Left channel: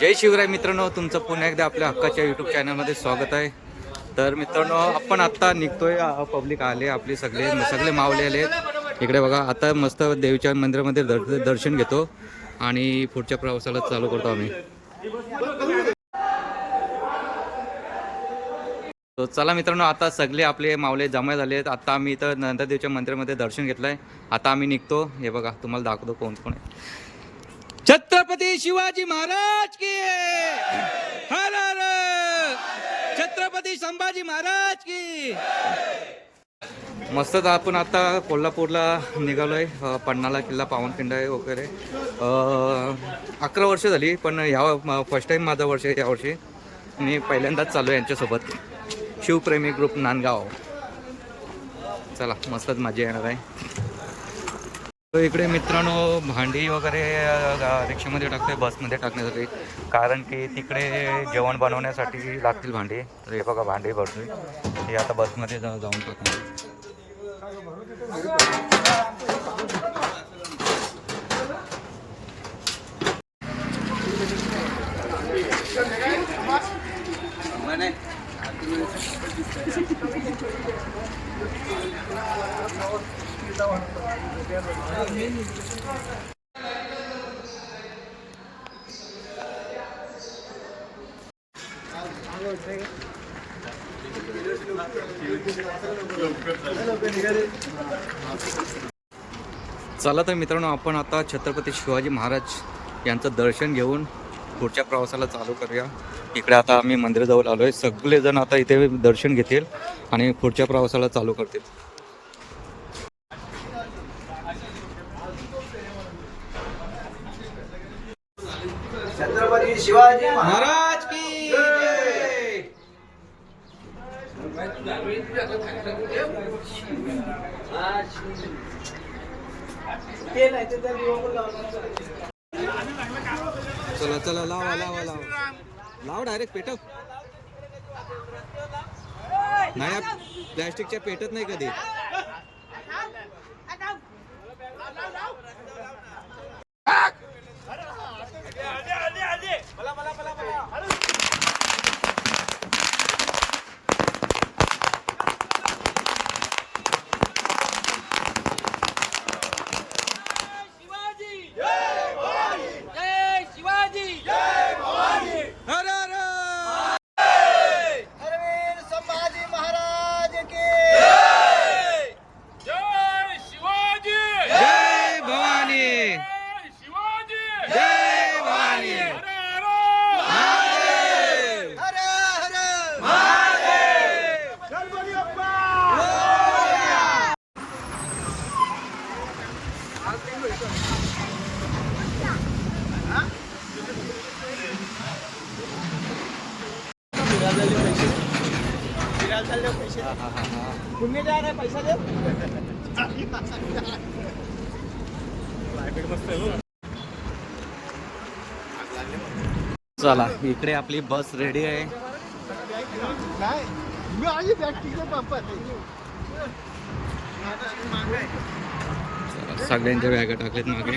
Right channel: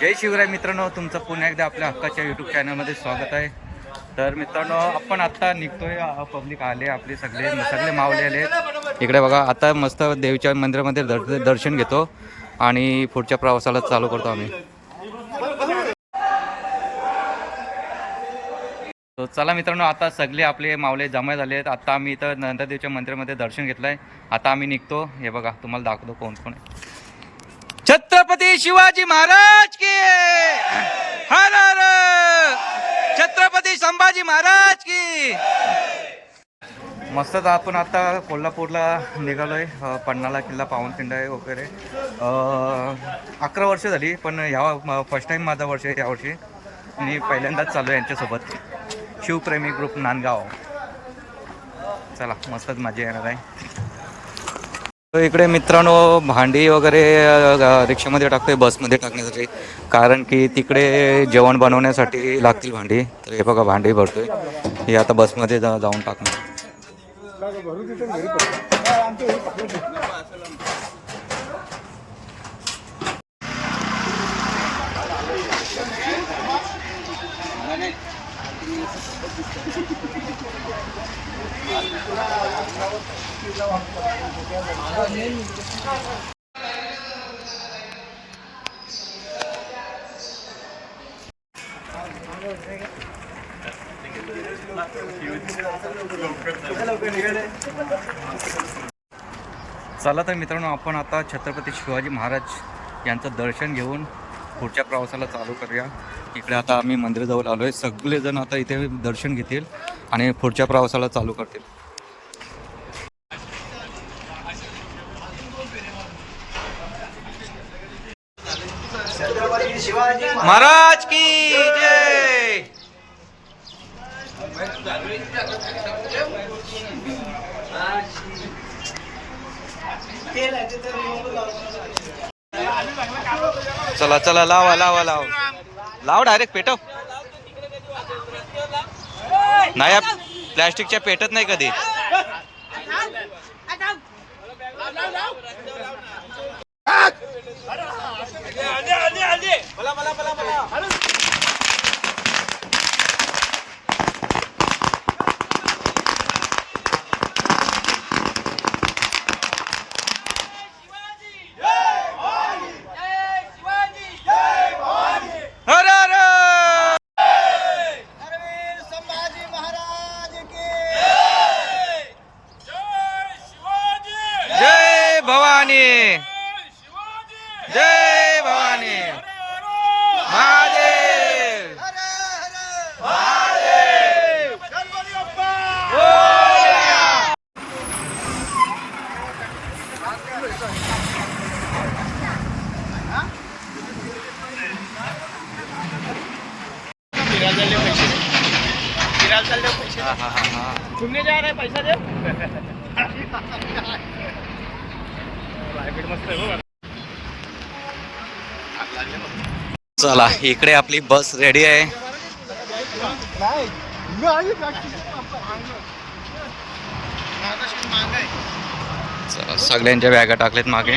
जय शिवराय मित्रांनो तुमचं पुन्हा एकदा आपल्या हक्काच्या यूट्यूब चॅनलमध्ये स्वागत आहे. तर मित्रांनो आपण आत्ता निघतोय पब्लिक आले आपले सगळे सगळे मावले आले इकडे बघा आता मस्त देवीच्या मंदिरामध्ये दर- दर्शन घेतो आणि पुढच्या प्रवासाला चालू करतो आम्ही. तो चला मित्रांनो आता सगळे आपले मावले जमा झाले आहेत. आता आम्ही इथं नंददेवच्या मंदिरामध्ये दर्शन घेतलंय. आता आम्ही निघतो. हे बघा तुम्हाला दाखवतो कोण कोण आहे. छत्रपती शिवाजी महाराज की हर हर! छत्रपती संभाजी महाराज की! मस्तच आपण आता कोल्हापूरला निघालोय आहे पन्हाळा किल्ला पावनखिंड आहे वगैरे अकरा वर्ष झाली पण ह्या फर्स्ट टाईम माझा वर्ष आहे यावर्षी मी पहिल्यांदाच चालू आहे यांच्यासोबत. शिवप्रेमी ग्रुप नांदगाव. चला मस्तच मजा येणार आहे. इकडे मित्रांनो भांडी वगैरे रिक्षामध्ये टाकतोय बसमध्ये टाकण्यासाठी. कारण की तिकडे जेवण बनवण्यासाठी लागतील भांडी. तर हे बघा भांडी भरतोय. हे आता बसमध्ये जा जाऊन टाकणार. चला तर मित्रांनो आपण आता छत्रपती शिवाजी महाराज यांचं दर्शन घेऊन पुढच्या प्रवासाला चालू करूया. इकडे आता आम्ही मंदिराजवळ आलो आहे सगळेजण आता इथे दर्शन घेतील आणि पुढच्या प्रवासाला चालू करतील. छत्रपती शिवाजी महाराज. की जय. चला चला लावा लावा लाव. लाव डायरेक्ट पेटव. नाही या प्लॅस्टिकच्या पेटत नाही कधी. हर हर धर्मवीर संभाजी महाराज की जय भवानी जय भवानी महादेव हर हर गणपती बाप्पा हा, हा, हा, हा. तुमने जा रहे पैसा दे. चला इकडे आपली बस रेडी आहे. चला सगळ्यांच्या बॅगा टाकलेत मागे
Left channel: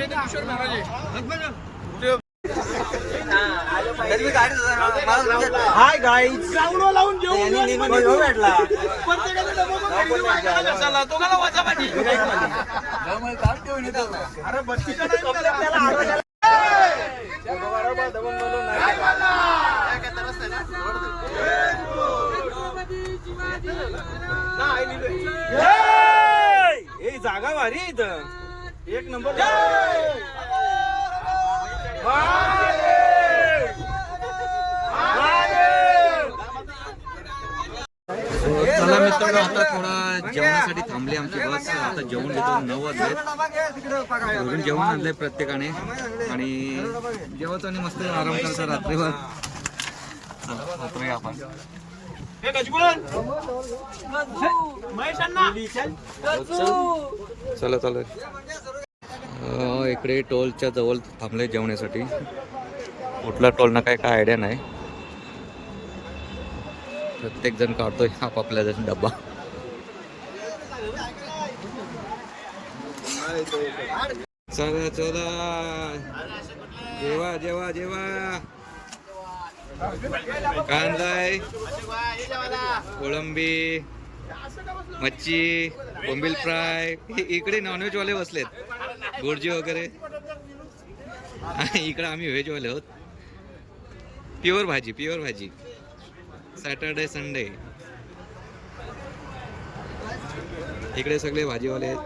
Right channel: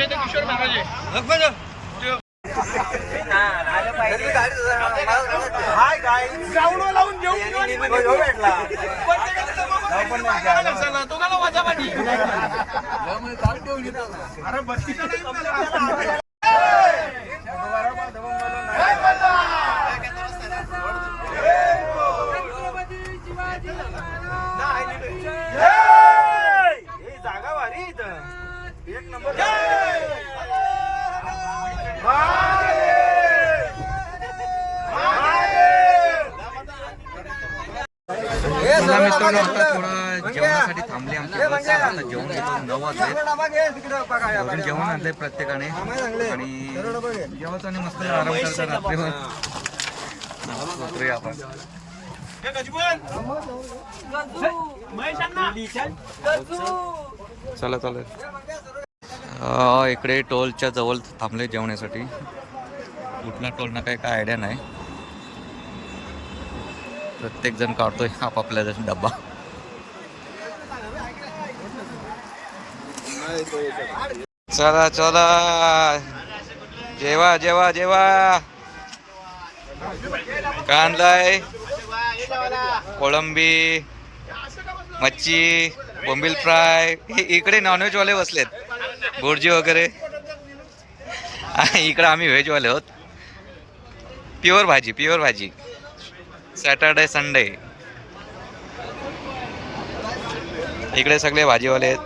Yeah! भारी इथं एक नंबर। चला मित्रांनो आता थोडा जेवणासाठी थांबली आमची बस. आता जेवण घेतो. नऊ वाजले. घरून जेवण आणलंय प्रत्येकाने. आणि जेवायचं आणि मस्त आराम करता रात्रीवर आपण. चला. चला इकडे टोलच्या जवळ थांबले जेवण्यासाठी. कुठला टोल ना काय काय आयडिया नाही. प्रत्येक जण काढतोय आपापल्या डब्बा. चला चला. जेवा जेवा जेवा. कांदाय कोळंबी. मच्छी बोंबील फ्राय इकडे नॉनव्हेजवाले बसलेत. भुर्जी वगैरे. आणि इकडे आम्ही व्हेजवाले आहोत. प्युअर भाजी प्युअर भाजी. सॅटर्डे संडे इकडे सगळे भाजीवाले आहेत.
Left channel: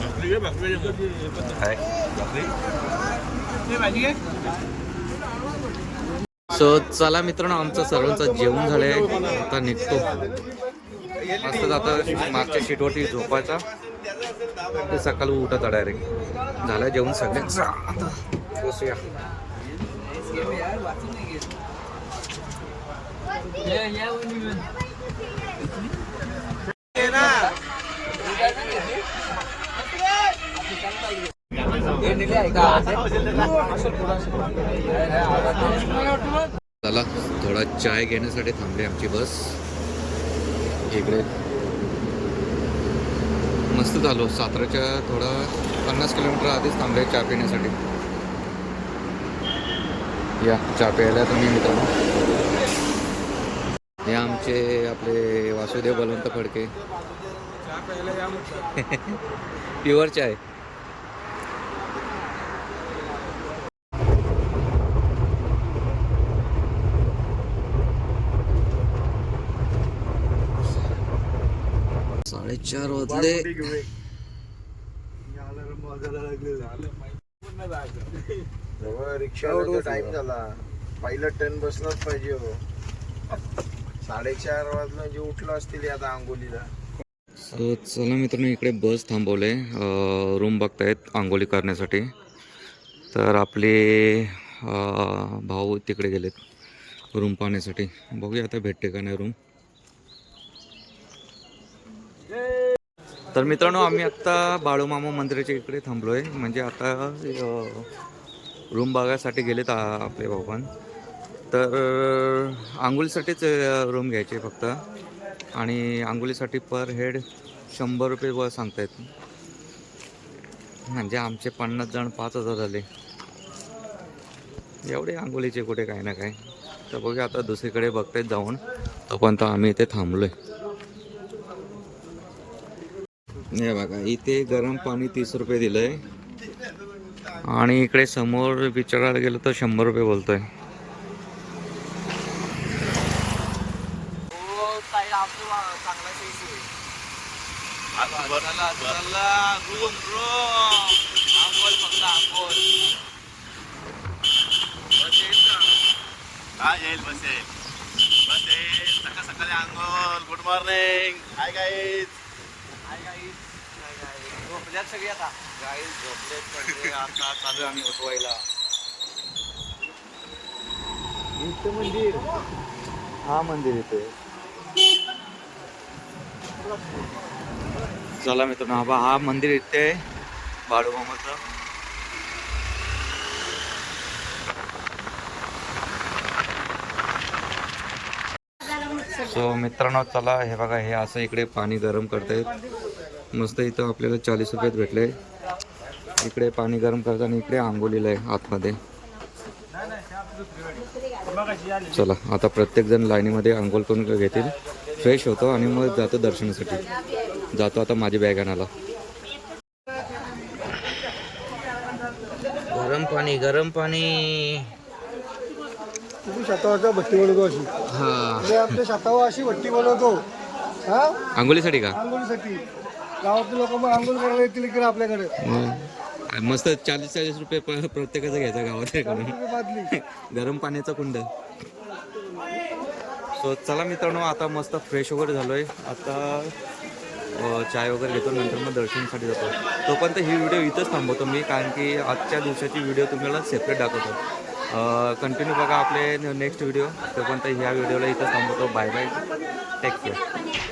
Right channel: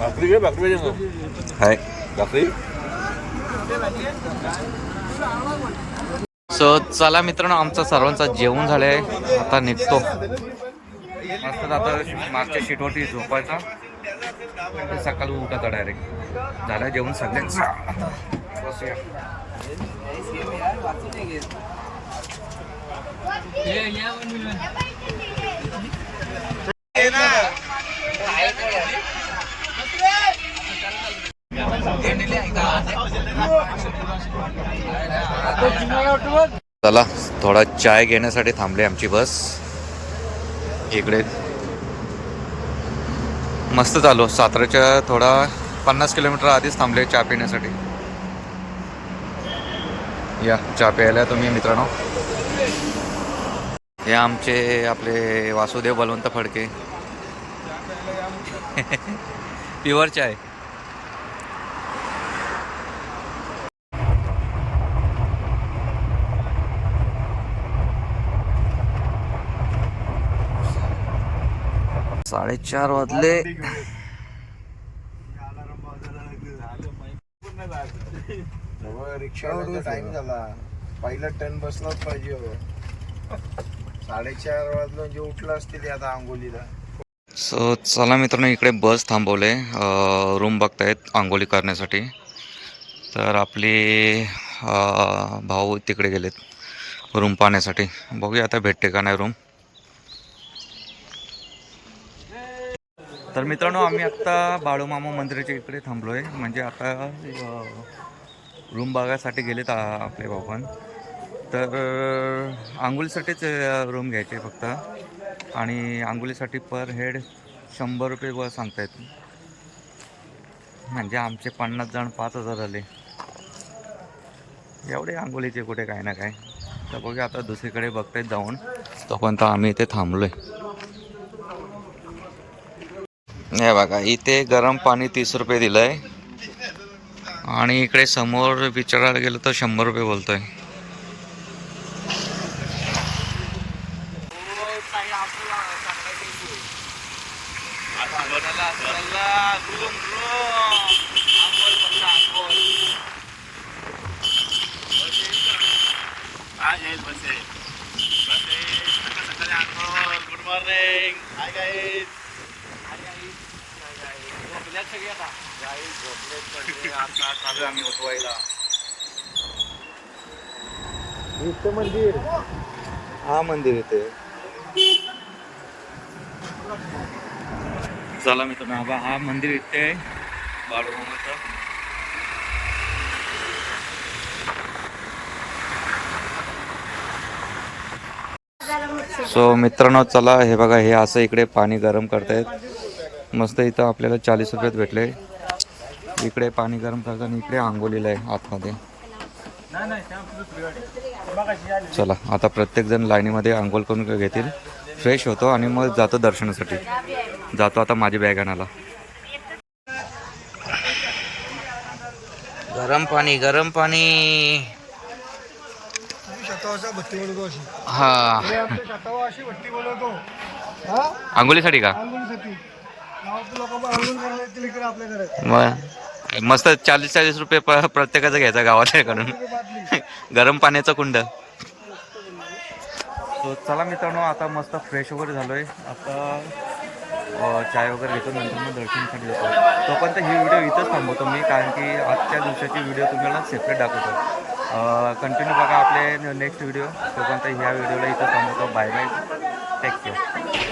भाकरी भाकरी हाय. भाकरी. सो चला मित्रांनो आमचं सर्वांचं जेवण झालंय. आता निघतो. मस्त आता मागच्या सीटवरती झोपायचा. ते सकाळी उठत डायरेक्ट झाला जेवण सगळ्यांचा आता बसूया. चला थोडा चाय घेण्यासाठी थांबली आमची बस. इकडे मस्त चालू. साताऱ्याच्या थोडा पन्नास किलोमीटर आधीच थांबले चहा पिण्यासाठी. या चहा प्यायला तुम्ही मित्रांनो. हे आमचे आपले वासुदेव बलवंत फडके. प्युअर चाय साडेचार वाजले. रिक्षा टाइम झाला. पहिला ट्रेन बसलाच पाहिजे साडेचार वाजले म्हणजे उठला असतील आता आंघोलीला सो चला मित्रांनो इकडे बस थांबवले. रूम बघतायत आंघोळी करण्यासाठी. तर आपले भाऊ तिकडे गेलेत रूम पाहण्यासाठी. बघूया आता भेटते का नाही रूम तर मित्रांनो आम्ही आत्ता बाळूमामा मंदिराच्या इकडे थांबलो आहे म्हणजे आता रूम बघायसाठी गेलेत आ- आपले भाऊ पण तर आंघोळीसाठीच रूम घ्यायचे फक्त. आणि आंघोळीसाठी पर हेड शंभर रुपये वर सांगतायत. म्हणजे आमचे पन्नास जण पाच हजार झाले एवढे आंघोळीचे कुठे काय ना काय. तर बघूया आता दुसरीकडे बघतायत जाऊन. तोपर्यंत आम्ही इथे थांबलोय. हे बघा इथे गरम पाणी तीस रुपये दिलंय. आणि इकडे समोर विचारायला गेलं तर शंभर रुपये बोलतोय. गुड सगळी आता. आता चालू आम्ही उठवायला. इथं मंदिर. हा मंदिर इथे. चला मित्रांनो हा बा- हा मंदिर इथे आहे. बाळूमामाचं सो मित्रांनो चला हे बघा हे असं इकडे पाणी गरम करतायत. मस्त इथं आपल्याला चाळीस रुपयात भेटले. इकडे पाणी गरम करतात आणि इकडे आंघोलीला आहे आतमध्ये. चला आता प्रत्येक जण लाईनीमध्ये आंघोळ करून घेतील. फ्रेश होतो आणि मग जातो दर्शनासाठी. जातो आता माझी बॅग आणायला. गरम पाणी गरम पाणी. हा. आंघोलीसाठी का? आंघोळीसाठी. गावातले लोक मग आंघोळ करायला येतील इकडे आपल्याकडे. मग? मस्त चाळीस चाळीस रुपये प- प्रत्येकाचा घ्यायचा गावाच्याकडून बादली गरम पाण्याचं कुंड. सो चला मित्रांनो आता मस्त फ्रेश वगैरे झालोय. आता अ, चाय वगैरे घेतो नंतर मग दर्शनासाठी जातो. तोपर्यंत ही व्हिडिओ इथंच थांबवतो मी कारण की आजच्या दिवसाची व्हिडिओ तुम्हाला सेपरेट दाखवतो. कंटिन्यू बघा आपले नेक्स्ट व्हिडिओ तोपर्यंत ह्या व्हिडिओला इथं थांबवतो. Bye bye take care